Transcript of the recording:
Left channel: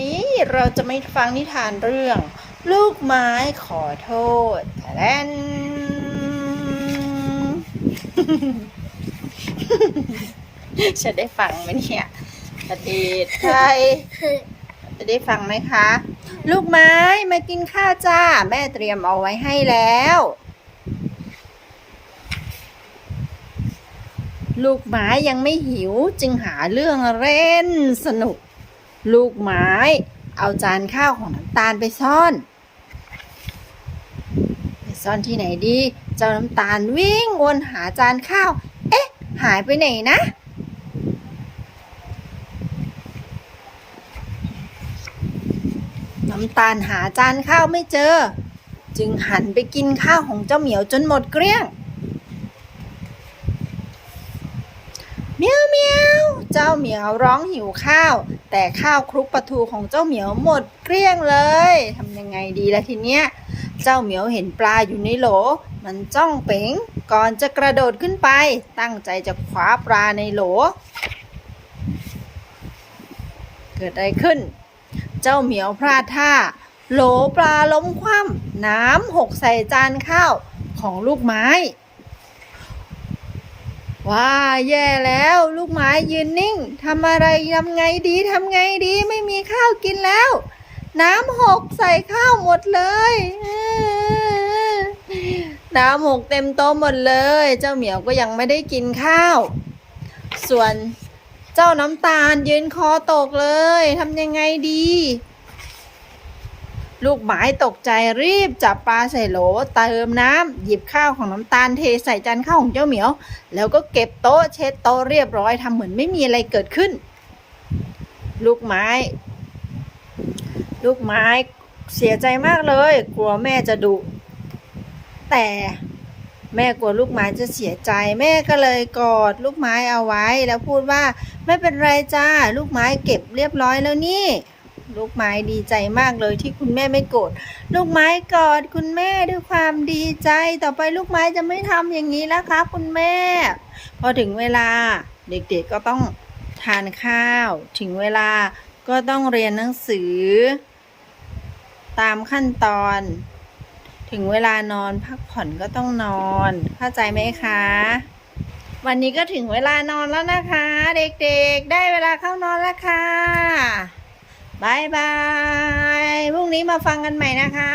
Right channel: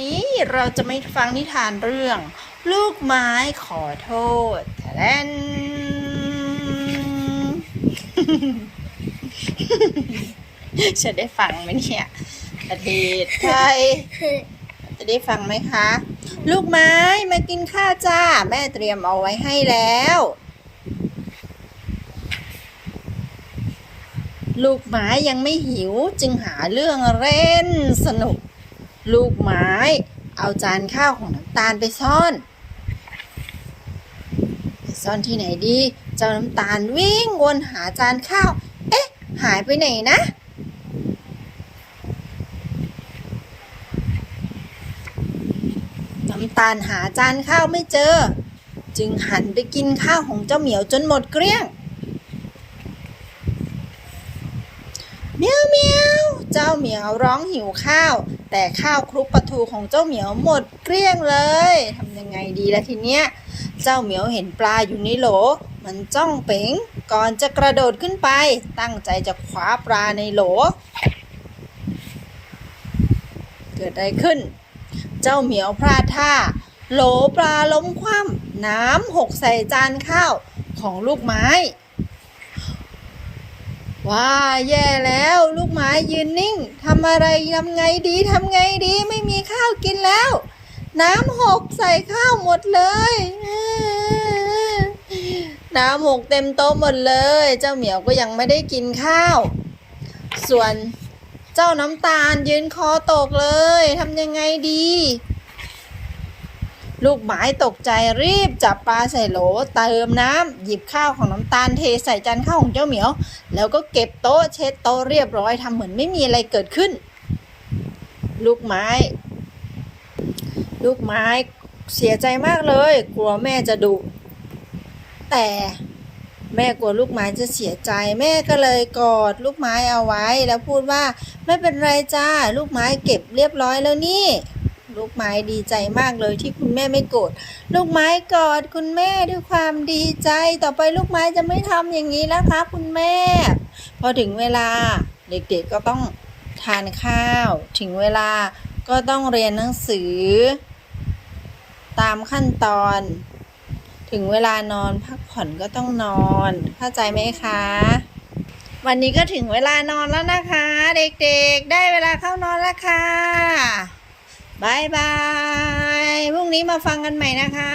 นี้เราจะไม่ฟังนิทานเรื่อง ลูกไม้ขอโทษแทนจะได้ฟังไหมเนี่ยประเทศไทยจะได้ฟังไหมคะ ลูกไม้มากินข้าวจ้า แม่เตรียมเอาไว้ให้แล้ว ลูกไม้ยังไม่หิวจึงหาเรื่องเล่นสนุก ลูกไม้ เอาจานข้าวของน้ำตาลไปซ่อนไปซ่อนที่ไหนดี เจ้าน้ำตาลวิ่งวนหาจานข้าว เอ๊ะ หายไปไหนนะน้ำตาลหาจานข้าวไม่เจอ จึงหันไปกินข้าวของเจ้าเหมียวจนหมดเกลี้ยง เมียวเมียว เจ้าเหมียวร้องหิวข้าว แต่ข้าวคลุกปลาทูของเจ้าเหมียวหมดเกลี้ยงเลยทำยังไงดีล่ะทีเนี้ย เจ้าเหมียวเห็นปลาอยู่ในโหล มันจ้องเป๋งก่อนจะกระโดดขึ้นไป ตั้งใจจะคว้าปลาในโหล เกิดอะไรขึ้น เจ้าเหมียวพลาดท่า โหลปลาล้มคว่ำน้ำหกใส่จานข้าวของลูกไม้ ว้าแย่แล้ว ลูกไม้ยืนนิ่งทำอะไรทำไงดีทำไงดีไม่มีข้าวกินแล้ว น้ำหกใส่ข้าวหมดเลยน้ำหกเต็มโต๊ะหมดเลย เจ้าเหมียวก็ยังไม่ได้กินข้าว ส่วนเจ้าน้ำตาลยืนคอตกเลยทำยังไงดี ลูกหมายตกใจรีบจับปลาใส่โหลเติมน้ำหยิบข้าวของน้ำตาลเทใส่จานข้าวของเจ้าเหมียว แล้วก็เก็บโต๊ะเช็ดโต๊ะเรียบร้อยทำเหมือนไม่มีอะไรเกิดขึ้น ลูกไม้ ลูกไม้เสียใจมากเลย กลัวแม่จะดุแต่แม่กลัวลูกไม้จะเสียใจ แม่ก็เลยกอดลูกไม้เอาไว้ แล้วพูดว่า ไม่เป็นไรจ้า ลูกไม้เก็บเรียบร้อยแล้วนี่ ลูกไม้ดีใจมากเลยที่คุณแม่ไม่โกรธลูกไม้กอดคุณแม่ด้วยความดีใจต่อไปลูกไม้จะไม่ทำอย่างนี้แล้วครับคุณแม่ พอถึงเวลาเด็กๆก็ต้องทานข้าว ถึงเวลาก็ต้องเรียนหนังสือ ตามขั้นตอน ถึงเวลานอนพักผ่อนก็ต้องนอน เข้าใจไหมคะ วันนี้ก็ถึงเวลานอนแล้วนะคะ เด็กๆ ได้เวลาเข้านอนแล้วค่ะ บายบายพรุ่งนี้มาฟังกันใหม่นะคะ